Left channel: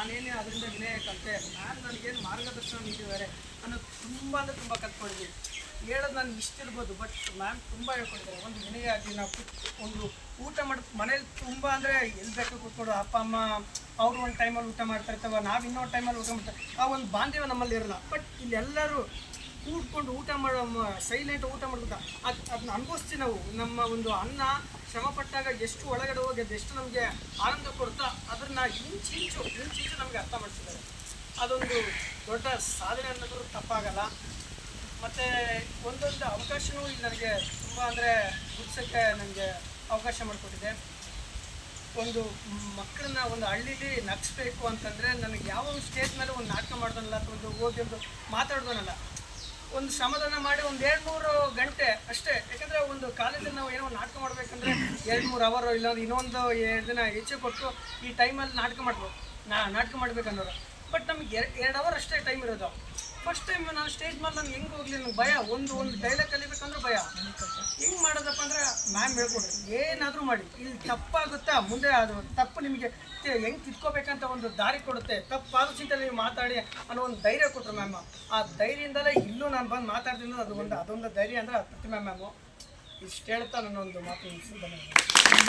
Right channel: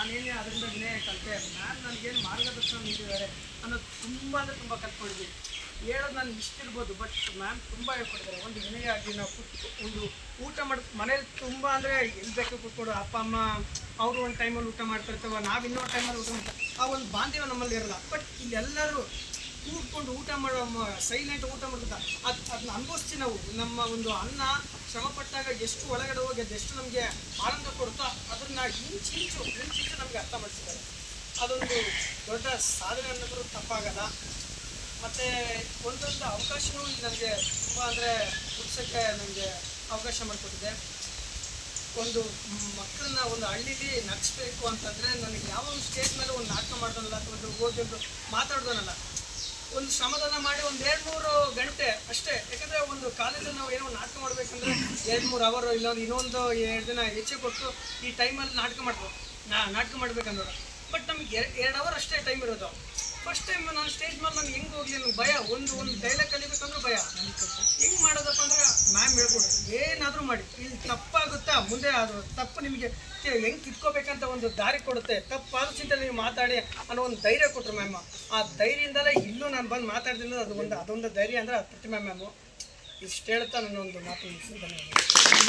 ನಾನೇನೇ ಅದರಿಂದ ವಿನಯ ಕಲಿತೆ, ಮ್ಯಾಮ್ ನನಗೇನು ಮಾರ್ಗದರ್ಶನ ನೀಡಿದ್ದಾರೆ ಅನ್ನೋದು ತುಂಬ ಅಂದರೆ ತುಂಬ ಕಲ್ತ್ಕೊಂಡಿದ್ದೀನಿ. ಹೇಳೋದು ನಾನು ಇಷ್ಟಿರ್ಬೋದು, ಬಟ್ ಮ್ಯಾಮ್ ತುಂಬ ಹೇಳ್ಕೊಡ್ತಾರೆ. ಒಂದು ವಿನಯ ಆಗಲಿ, ನಾವು ಒಂದು ಊಟ ಮಾಡಿ ಮನೇಲಿ ತುಂಬ ಅಂದರೆ ಎಲ್ಲಿ ಬೇಕು ಕೂತ್ಕೊಡು, ಅಪ್ಪ ಅಮ್ಮ ಅವರು ಒಂದು ಟೈಮಲ್ಲಿ ಊಟ ಮಾಡ್ತಾ ಇರ್ತವೆ, ನಾವು ಇನ್ನೊಂದು ಟೈಮಲ್ಲಿ ಊಟ ಮಾಡ್ತಾರೆ, ಆ ಒಂದು ಬಾಂಧವ್ಯ ನಮ್ಮಲ್ಲಿ ಇರೋಲ್ಲ. ಬಟ್ ಇಲ್ಲೆಲ್ಲರೂ ಕೂತ್ಕೊಂಡು ಊಟ ಮಾಡೋ ಸೈಲೆಂಟ್ ಊಟ ಮಾಡ್ಕೊತ ಅದನ್ನ ಅನುಭವಿಸ್ತೀವಿ ನಾವು. ನಮ್ಮ ಒಂದು ಅನ್ನ ಶ್ರಮಪಟ್ಟಾಗ ಎಷ್ಟು ಒಳಗಡೆ ಹೋಗಿ ಅದೆಷ್ಟು ನಮಗೆ ಆನಂದ ಕೊಡುತ್ತಾ ಅದನ್ನು ಇಂಚಿಂಚು ನಮಗೆ ಅರ್ಥ ಮಾಡಿಸಿದ್ದಾರೆ. ಅದೊಂದು ದೊಡ್ಡ ಸಾಧನೆ ಅನ್ನೋದು ತಪ್ಪಾಗಲ್ಲ. ಮತ್ತು ಒಂದೊಂದು ಅವಕಾಶವೂ ನನಗೆ ತುಂಬ ಅಂದರೆ ಗುಡ್ಸೋಕ್ಕೆ ನನಗೆ ಅವಕಾಶ ಮಾಡಿಕೊಟ್ಟಿದೆ. ಒಂದು ಮಕ್ಕಳನ್ನ ಒಂದು ಹಳ್ಳೀಲಿ ನಗಿಸ್ಬೇಕು ಅಂತಂದರೆ ನನಗೆ ಯಾವ ಒಂದು ಸ್ಟೇಜ್ ಮೇಲೆ ಒಂದು ನಾಟಕ ಮಾಡ್ದಲ್ಲ ಅಥವಾ ಒಂದು ಓದಿ ಒಂದು ಮಾತಾಡ್ದೋನಲ್ಲ, ಒಂದು ಶ್ರಮದಾನ ಮಾಡಿ ಒಂದು 2-3 ಗಂಟೆ ಅಷ್ಟೇ. ಯಾಕಂದರೆ ಒಂದು ಕಾಲೇಜಲ್ಲಿ ನಾವು ಏನೋ ನಾಟಕ ಮಾಡಬೇಕಂದ್ರೆ 2-3 ಅವರ್ ಇಲ್ಲ ಇನ್ನೊಂದು 2 ದಿನ ಹೆಚ್ಚು ಕೊಟ್ಟು ಈ ಟೈಮಲ್ಲಿ ನಾಟಕ ಮಾಡ್ಬೇಕಂದ್ರೆ, ಬಟ್ ನಮಗೆ 2 ಅವರ್ ಅಷ್ಟೇ ಟೈಮ್ ಇರೋದು. ಫಸ್ಟ್ ಟೈಮ್ ನಾನು ಸ್ಟೇಜ್ ಮೇಲೆ ನಾನು ಹೆಂಗೆ ಹೋಗಲಿ ನನಗೆ ಭಯ. ಒಂದು ಡೈಲಾಗ್ ಕಲಿಬೇಕಂದ್ರೆ ಭಯ. ಹೆಂಗೆ ಮಾಡೋದಪ್ಪ ಅಂದರೆ ಮ್ಯಾಮ್ ಹೇಳ್ಕೊಡ್ರಿ, ಏನಾದರೂ ಮಾಡಿ ಇಲ್ಲಿ ತಪ್ಪಾಗುತ್ತಾ ಮುಂದೆ ಅದು ತಪ್ಪು ನಿಮಗೆ ಹೆಂಗೆ ಕಿತ್ಕೋಬೇಕಂತ ಒಂದು ದಾರಿ ಕೊಡುತ್ತೆ. ತಪ್ಪಾದ ಚಿಂತೆ ನೀವು ಮಾತಾಡಿ ಅನ್ನೋ ಒಂದು ಧೈರ್ಯ ಕೊಟ್ಟರು ಮ್ಯಾಮ್. ಆ ಧೈರ್ಯದಿಂದಲೇ ಇಲ್ಲೂ ನಾನು ಬಂದು ಮಾತಾಡ್ತೀನಿ. ಅದೊಂದು ಧೈರ್ಯ ಅಂದರೆ ಪ್ರತಿಮಾ ಮ್ಯಾಮು. ಇಷ್ಟು ಹೇಳ್ತಾ ನನ್ನೊಂದು ಮಾತು. ಧನ್ಯವಾದ.